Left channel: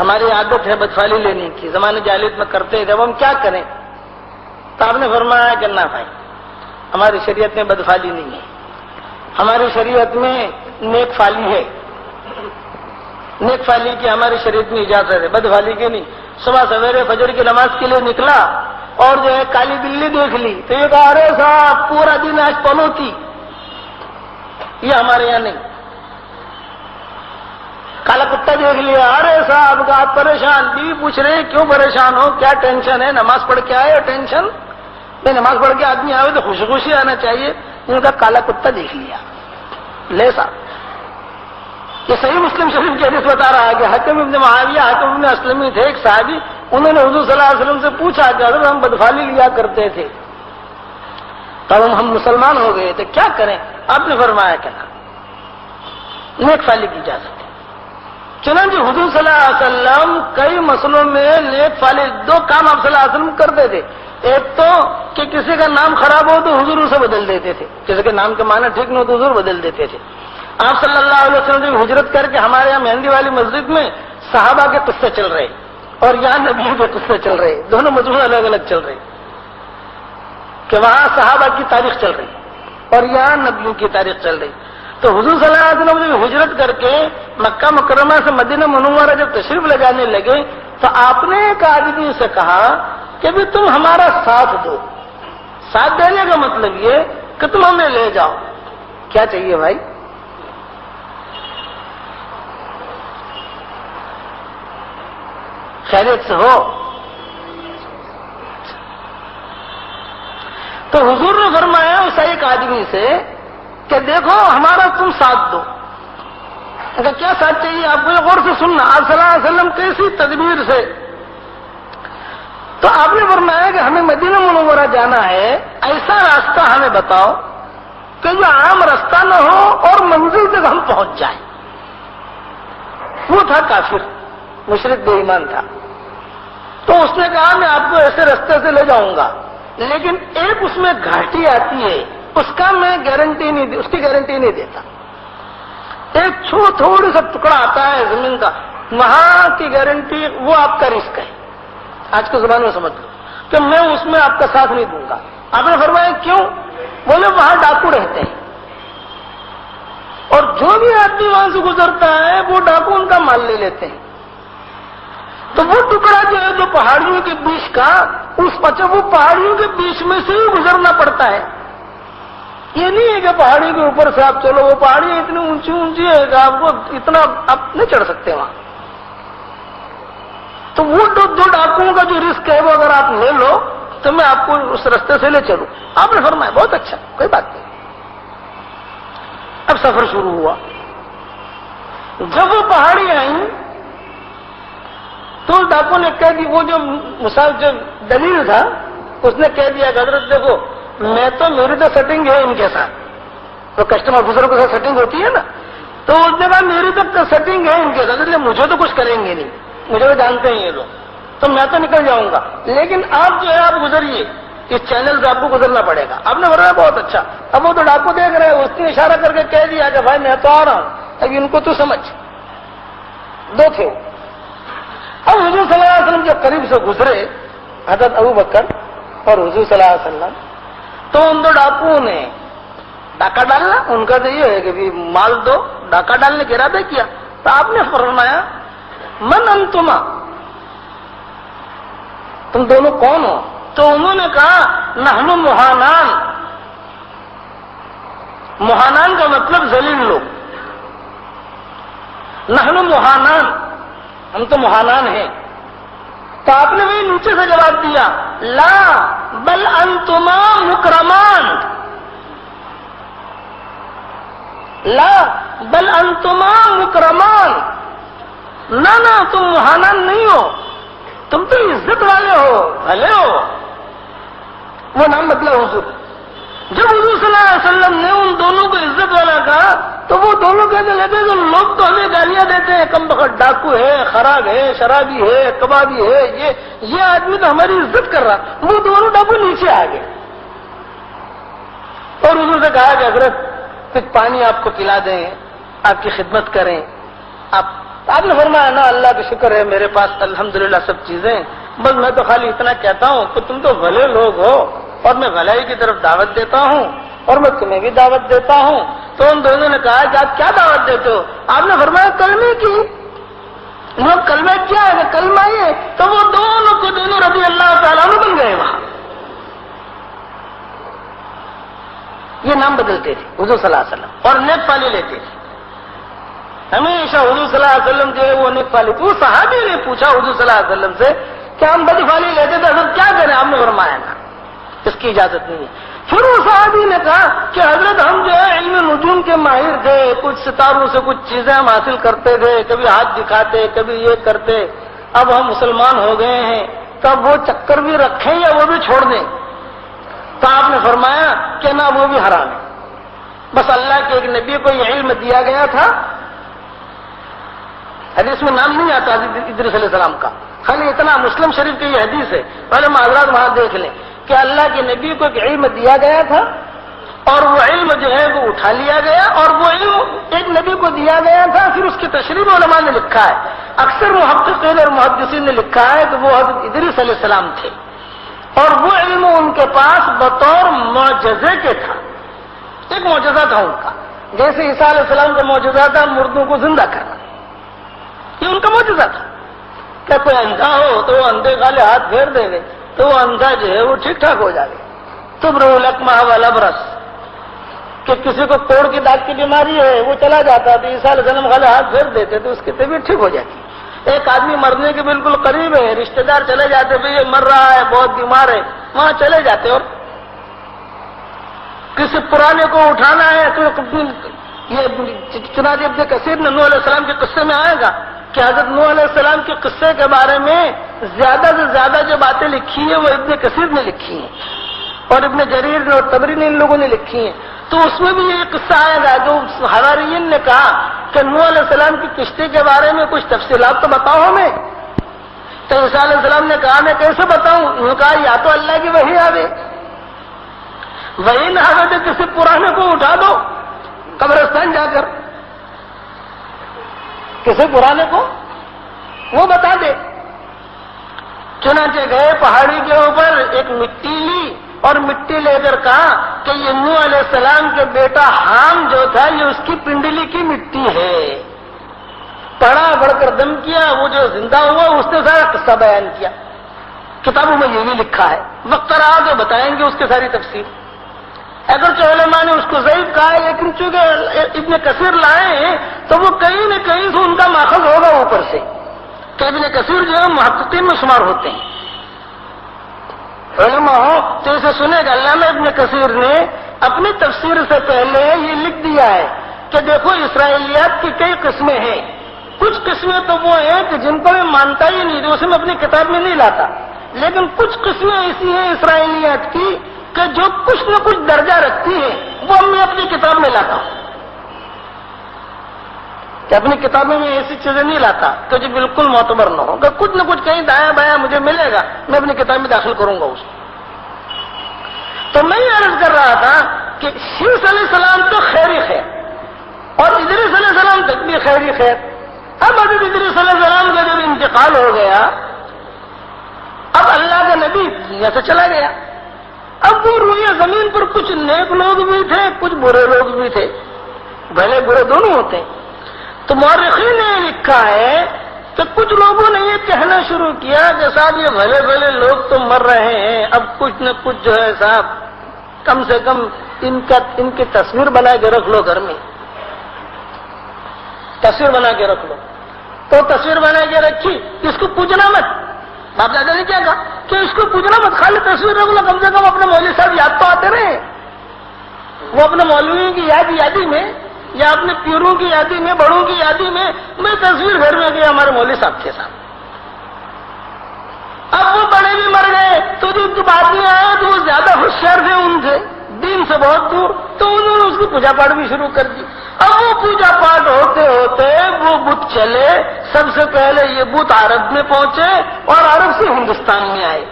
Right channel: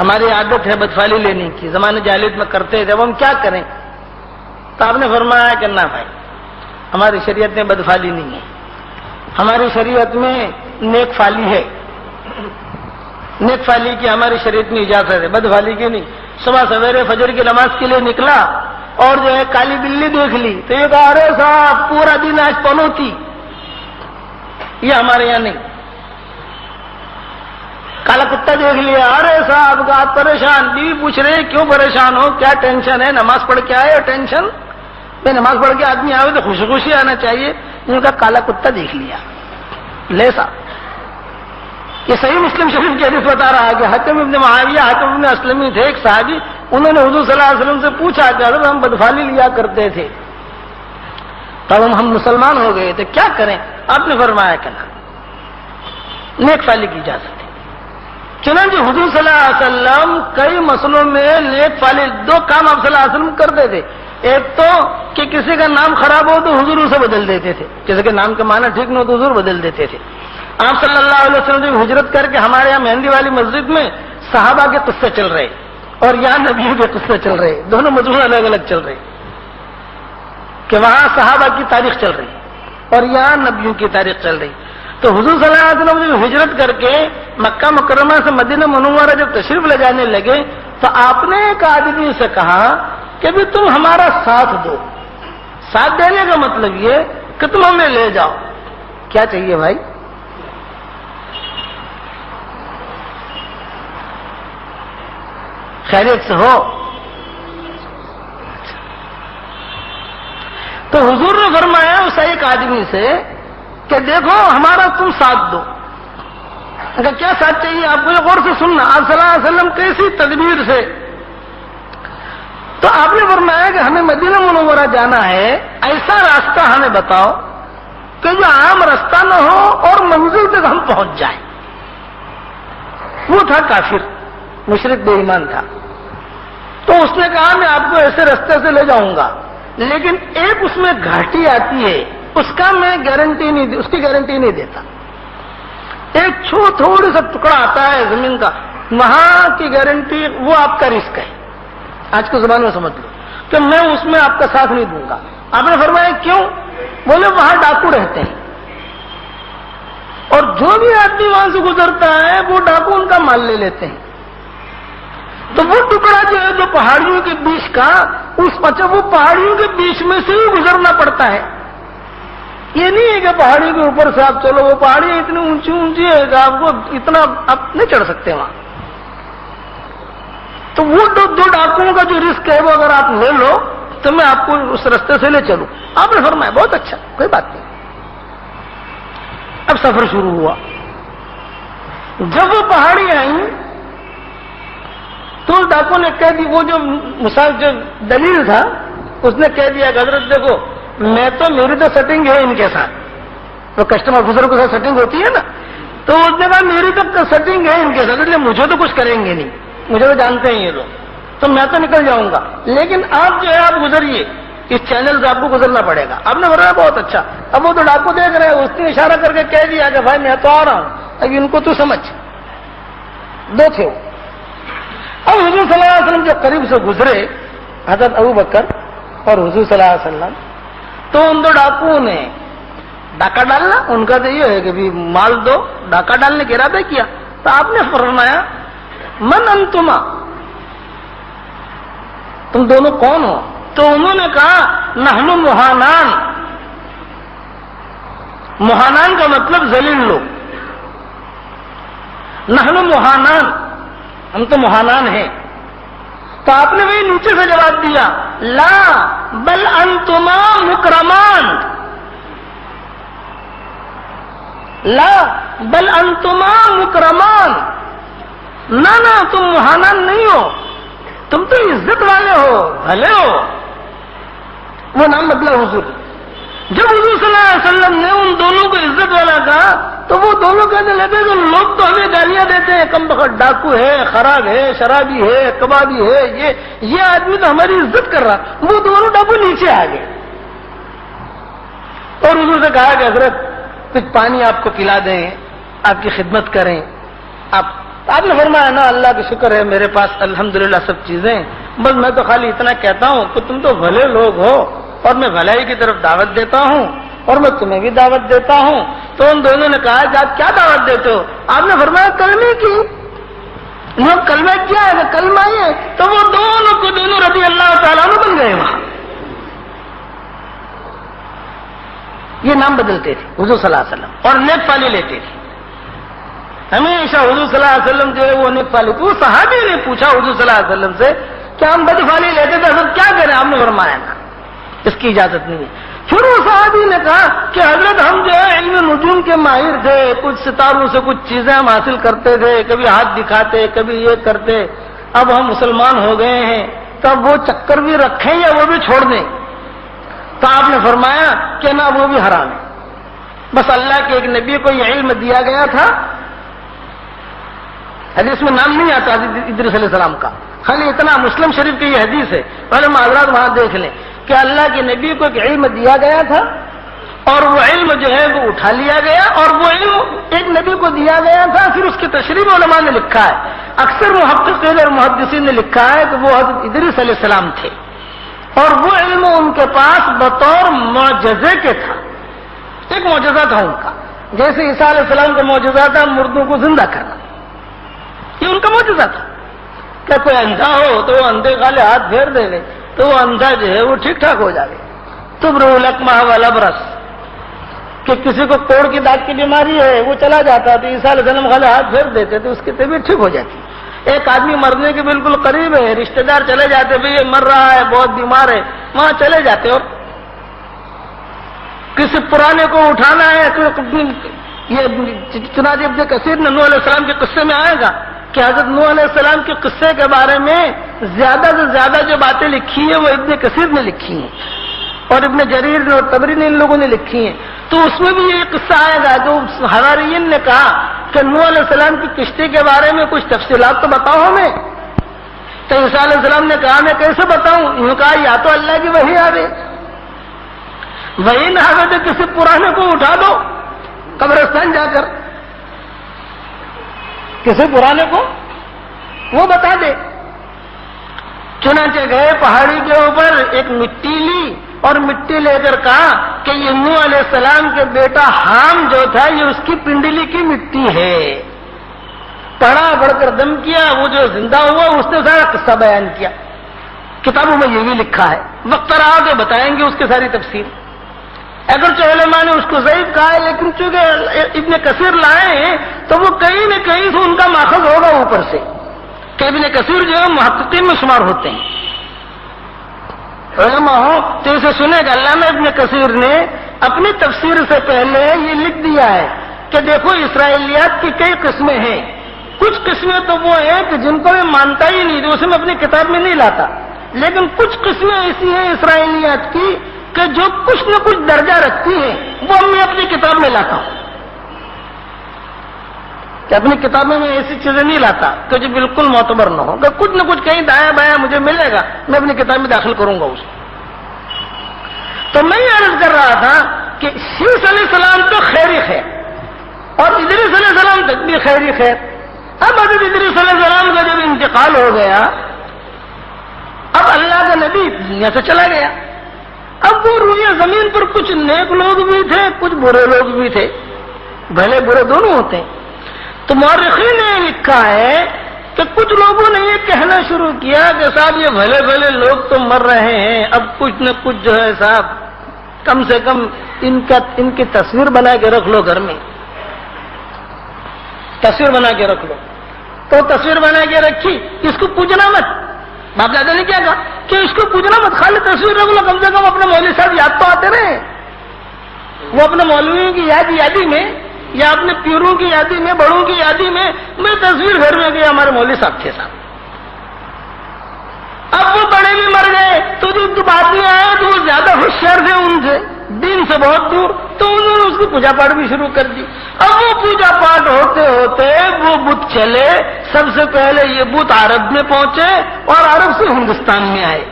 ہماری عادت ہے بدفالی لینے کی، زمانے جاہلیت میں کرتے تھے، اب ہم کیا کریں؟ تو آپ نے فرمایا کہ نہ بھائی، ہماری شریعت میں بدفالی نہیں ہے، ہماری شریعت میں نیک فالی ہے، نیک فالی کی ہماری شریعت میں اجازت ہے، بدفالی کی نہیں۔ صبح سویرے فجر کی نماز کے لیے نکلا اور جو ہے کالی بلی دیکھ لی تو یہ کہا ارے صاحب پورا دن آج پنو تھی، یہ ہمارے یہاں نہیں۔ کالا کتا دیکھ لیا، ارے صاحب آپ پریشان، بیوی پوچھ رہے کیوں پریشان ہو، کیا ٹینشن ہے؟ نماز پڑھ کے آئے ہو ٹینشن؟ میں نماز پڑھ کے آدمی آئے تو خوشی خوشی آنا چاہیے، ان کا کالا کتا دیکھ لیا۔ لے صاحب، یہ صحیح مسلم شریف کی حدیث بتا رہا ہے کہ حاتم ابن معاویہ، حاتم ابن اسلمی تھے ایک صحابی، انہوں نے حضور صلی اللہ علیہ وسلم سے پوچھا کہ حضرت ہم بدفالی لیا کرتے تھے، تب ہم مسلمان ہو گئے تو کیا کریں؟ آپ نے فرمایا کہ نا، نیک فالی کی اجازت ہے۔ چنانچہ حضور صلی اللہ علیہ وسلم کئی مسئلوں میں نیک فالی، دو کام آپ صلی اللہ علیہ وسلم کرتے تھے، ایک تو کہ کسی کا نام خراب ہو تو حضور اسے بدل دیتے تھے، کسی کے نام کا معنی ٹھیک نہ ہو تو حضور بدل دیتے تھے۔ آپ صلی اللہ علیہ وسلم نے ہجرت کر کے ہمارے یہاں مہندی والی مسجد میں صحابہ کے قصے چل رہے اور یہاں نبیوں کے قصے چل رہے، دونوں مضمون الگ الگ چل رہے، کہ وہاں صحابہ کی تاریخ چل رہی اور یہاں نبیوں کی تاریخ چل رہی۔ تو حضور صلی اللہ علیہ وسلم نے ہجرت کر کے مکہ مکرمہ سے مدینہ منورہ جب تشریف لگانے لگے تو آپ نے ایک آدمی سے کہا کہ بھی تم ہمارا ساتھ دو۔ ساتھ دینے کا مطلب یہ کہ تم ہمیں لے جاؤ۔ کیا چاہیے بھائی؟ خیریت سے ہو؟ تو حضور نے فرمایا اس ایک آدمی سے کہ دیکھو ہمارا تم ساتھ دو۔ اگر کیا ساتھ چاہیے آپ کو، یہ غور سے سننا، آپ صلی اللہ علیہ وسلم کیسی تدبیر سے۔ تو آپ نے فرمایا کہ ہمیں مدینہ منورہ جانا ہے، ایسا راستہ ہمیں بتاؤ کہ جو عام راستہ نہ ہو اور منزل تک ہم پہنچ جائیں۔ وہ تھا کافر، مشرک بے ایمان تھا۔ تو اس نے کہا میں آپ کو ایسے راستے سے لے جاؤں گا، لیکن ایک اس میں گھاٹی آتی ہے، اس کا میں گارنٹی نہیں، اس کی گارنٹی نہیں دیتا۔ ایک تھوڑی سا ٹکڑا آتا ہے زمین کا، وہاں کی گارنٹی وہ آپ کا رسک ہے، آج کی زبان میں سمجھ لو کہ میں اس میں آپ کا ساتھ نہیں دوں گا۔ آپ نے فرمایا کیوں؟ بولے وہاں ڈاکو رہتے ہیں اور جو بھی آدمی وہاں سے گزرتا ہے وہ ڈاکو ان کا مال لے لیتے ہیں۔ تو وہ ٹکڑا جو ہے جو پہاڑیوں کے بیچ کا، وہ پہاڑیوں کے بیچ میں سے ہی گزرنا پڑتا ہے۔ یہ نہیں ہے کہ پہاڑی کے اوپر سے آپ چلو، وہ پہاڑی اتنی اونچی اونچی ہے کہ آپ کو اتنا آپ نہیں چڑھ سکتے وہاں۔ تو وہ دو ڈاکوؤں کا جو رسک ہے وہ اگر آپ لے لو تو میں آپ کو اس راستے سے لے چلوں۔ آپ نے فرمایا بہت اچھا، کوئی بات نہیں۔ اب سفر شروع ہوا۔ جب وہ پہاڑی آئیں تو ڈاکو نے کہہ دی، وہ جو جو دلیل تھا اس نے کہہ دیا کہ حضرت دیکھو میری تو سیٹنگ ہے ان کے ساتھ، تو کسٹم آفیسر کے ساتھ سیٹنگ ہوتی ہے نا، تو اس نے کہا میری تو سیٹنگ ہے ان کے ساتھ، اس لیے مجھے تو کچھ کریں گے نہیں، مجھے تو جانتے ہیں یہ لوگ، تو میں تو نکل جاؤں گا، لیکن آپ جو ہے آپ گزریے، اس چینل سے آپ کو گزرنا پڑے گا۔ آپ نے بولا بہت اچھا۔ اب وہ تو ڈاکو دیکھ رہے ہیں، اس نے اشارہ کر کے کہہ دیا کہ بھائی میں تو آ رہا ہوں، اب ان کو تو سمجھ، دو تھے وہ۔ اب حضور صلی اللہ علیہ وسلم جب قریب سے گزرے، حضرت ابو بکر اور حضور صلی اللہ علیہ وسلم، تو ان دو ڈاکوؤں نے ڈاکہ ڈالنا، ان کا تو یہ ہے کہ بھی مال دو، ڈاکہ ڈالنے کا ارادہ کیا۔ تو آپ نے فرمایا من انتما، تم دونوں کون ہو؟ تو انہوں نے کہا نحن مہانان۔ مہانان کا مطلب ذلیل لوگ، نحن مہانان، ہم تو مہانان ہیں۔ تو آپ نے وہی نیچے سے جواب دیا لا بل انتما مکرمان، لا بل انتما مکرمان، نہ تم مہانان نہیں ہو، تم تو عزت والے ہو، بھلے ہو۔ وہ نام بدلا حضور۔ جب حضور صلی اللہ علیہ وسلم نے ان دونوں کو عزت والا کہا تو وہ دونوں کہنے لگے کہ لوگ تو ہمیں گالیاں دیتے ہیں، کم بخت ڈاکو ہے، خراب ہے، شرابی ہے، کبابی ہے، یہ آدمی تو ہماری عزت کر رہا۔ وہ دونوں ڈاکو نیچے آ گئے اور حضور سے کہا کہ حضرت کچھ پانی آپ کو پلا دیں، آپ کی خدمت کریں، آپ تو آپ نے فرمایا نا اللہ کا شکر ہے میرے پاس الحمدللہ سب چیزیں، بس میں تو خالی اتنا کہتا ہوں کہ تم تو بھلے لوگ ہو اور میں بھلائی کی طرف دعوت دیتا ہوں اور میں تمہیں بھی دعوت دیتا ہوں۔ تو ان دونوں نے کہا کہ آپ کیا دعوت دیتے ہو؟ آپ نے فرمایا کلمے کی۔ وہ کلمہ کیا ہے؟ کلمہ ہی ہے۔ تو وہ دونوں کو دونوں رضی اللہ تعالیٰ عنہ بن گئے وہاں۔ یہ نام بدلتے تھے حضور صلی اللہ علیہ وسلم اور نیک پالی لیتے تھے ہمیشہ۔ حضور صلی اللہ علیہ وسلم جو ہے وہ نیک پالی، تو صحابی نے پوچھا حضور صلی اللہ علیہ وسلم سے کہ ہم بدفالی لیتے تھے حضرت کیا کریں؟ آپ نے فرمایا نا اس کی اجازت نہیں ہے۔ پھر وہ صحابی نے کہا کہ حضرت ہم جو ہے علم نجوم کے ماہر تھے، کچھ ستاروں سے کچھ چیزیں ہم حاصل کرتے تھے، کبھی ہاتھ دکھاتے کبھی یہ کرتے، اب ہم مسلمان ہو گئے ہیں تو اب وہ چکر بھی رکھیں یا وہ بھی چھوڑ دیں؟ تو آپ نے فرمایا کہ نہ وہ بھی حرام ہے، بس اللہ کے ایک نبی کو یہ علم دیا گیا تھا، حدیث میں نام نہیں آتا ادریس علیہ السلام کا، خالی اتنا مسلم شریف کی یہ حدیث ہے، پہلے معذرات وہاں دیکھ لیں کہ اللہ کے نبی کو ایک علم دیا گیا تھا اور وہ علم جو ہے وہ اٹھا لیا گیا، اور وہ علم ایک نبی کو دیا گیا تھا، پھر اس کی تشریح علماء نے لکھا ہے، اکثر محققین اور محدثین نے لکھا ہے کہ وہ حضرت ادریس علیہ السلام تھے اور وہ علم ان کے پاس بطور معجزے کے تھا، ایک معجزہ تھا ان کا، جیسے عیسیٰ علیہ السلام کا معجزہ تھا مردوں کو زندہ کرنا، یہ ان کا معجزہ تھا کہ کوئی اندھا ہو تو وہ اندھے کالے ہاتھ پھیر دے گے تو وہ اندھا جو ہے وہ ٹھیک ٹھاک ہو جائے، تبرئ الاکمہ والابرص، کہ کسی کو کوڑ کی داغ کی بیماری ہے وہ چلا جاتا تو عیسیٰ علیہ السلام خالے ہاتھ پھیر دیتے تو اس کی طبیعت ٹھیک ہو جاتی۔ ایک آدمی مرنے کے بالکل قریب ہے، رشتہ دار چلے جاتے بھئی یہ مر رہا ہے بہت بیمار ہے، وہاں چلے جاتے، اور کسی پرانے کو اٹھانا ہے تو یہ چنانچہ ابن کثیر نے نوح علیہ السلام کے قصے میں آئے گا کہ حضرت نوح علیہ السلام کے قصے کے بارے میں زیادہ سے زیادہ جو باتیں لکھی ہیں وہ ابن کثیر نے لکھی ہیں اور ابن جریر نے اور طبری نے ان لوگوں نے لکھی ہیں، تو اس میں بھی یہ قصہ آئے گا جو حواریین نے کہا کہ نوح علیہ السلام کی کشتی کے بارے میں کچھ تفصیلات تو بتاؤ ہمیں، تو عیسیٰ علیہ السلام نے کہا میں کیسے بتاؤں؟ انہوں نے کہا یا تو اللہ کی وحی آوے، وحی نہ آوے تو کسی پرانے کو اٹھا دو قبرستان جا کر، کسی پرانے کو وہ بتا دے۔ چنانچہ گئے پہاڑی کے اوپر، ایک مٹی لی اور مٹی لے کر کہا کہ یہ نوح علیہ السلام کے بیٹا حام جو تھا یہ اس کی پنڈلی کی مٹی ہے، پڑھا پڑھ کر دم کیا، وہ جو زندہ ہوا اس نے سارا قصہ بیان کیا، کتابوں میں یہ بھی لکھا ہے، وقت رہا تو بتائیں گے اس کی ساری تفصیل، اگرچہ علماء نے اس کو ضعیف کہا ہے لیکن چونکہ ابن کثیر لائے ہیں تو وہ کہیں نہ کہیں سے ان کا ماخذ ہوگا اوپر سے، کہ ابن کثیر جو ہے محققین میں شمار ہوتے ہیں، علماء ہو تو اسے سنے گا۔ علامہ ابن کثیر نے اپنی تفسیر سے پہلے یہ لکھ دیا ہے کہ دیکھو اسرائیلیات کی کئی قسمیں ہیں، کچھ قسمیں تو وہ ہیں کہ جن کو میں مانتا ہی نہیں، جو اسے میں اپنی کتاب میں نہیں لاتا، لیکن کچھ قسمیں ایسی ہیں اسرائیلیات کی کہ جو کچھ نہ کچھ درجہ رکھتی ہیں، وہ میں اپنی کتاب میں لاتا ہوں، کہ اپنی کتابوں میں ایسی چیزیں نہیں لاتا کہ جو بالکل معتبر نہ ہو، کہ کچھ نہ کچھ کہیں دایاں بایاں مجھے ملے گا میں اپنی کتاب میں داخل کروں گا اس کو۔ تو میں یہ عرض کر رہا تھا کہ شیس علیہ السلام تو خیر ہی خیر اور ادریس علیہ السلام تک بھی خیر ہی خیر۔ اب حضرت ادریس علیہ السلام کا جب انتقال ہو گیا، اب اللہ کا نبی دنیا سے چلا گیا، اب وہ روئے زمین پر کچھ نیک لوگ بھی تھے کچھ برے لوگ بھی تھے، بھلے برے دونوں ہوتے ہیں۔ تو مورخین نے لکھا ہے کہ کچھ لوگوں نے یہ کہنا شروع کیا کہ صاحب یہ بھلے بھلے لوگ تو مر رہے ہیں، اب کچھ نہ کچھ جو ہے صاحب کم سے کم ان کی تصویر بنا کے رکھ لو گھر میں، تصویر بنا کے رکھ لو۔ تو تصویر بنا کے رکھی، اس کو پوجنا مت، باپ دادا نے کیا کہا کہ اس کو پوجنا مت، خالی تصویر رکھ لو، کم سے کم اپنے مولوی صاحب یاد تو آتے رہے، وہ اپنے مولویوں کی یادی میں یا اپنے پیروں کی یادی میں بڑوں کی یادی میں تصویر گھر میں گیا ہمارے مولوی صاحب کے ساتھ۔ اب وہ بڑے بھی مر گئے تو جو بعد میں آئے تو وہ زیادہ ہوشیار تھے ان سے، دین سے بہت دور، تو انہوں نے اس کی پوجا پاٹ بھی شروع کر دی۔ اب وہ پوجا پاٹ ہوتے ہوتے وہ بت چلے، سب سے پہلے یہ بت عرب میں پہنچے اور عرب سے ہندوستان میں آئے۔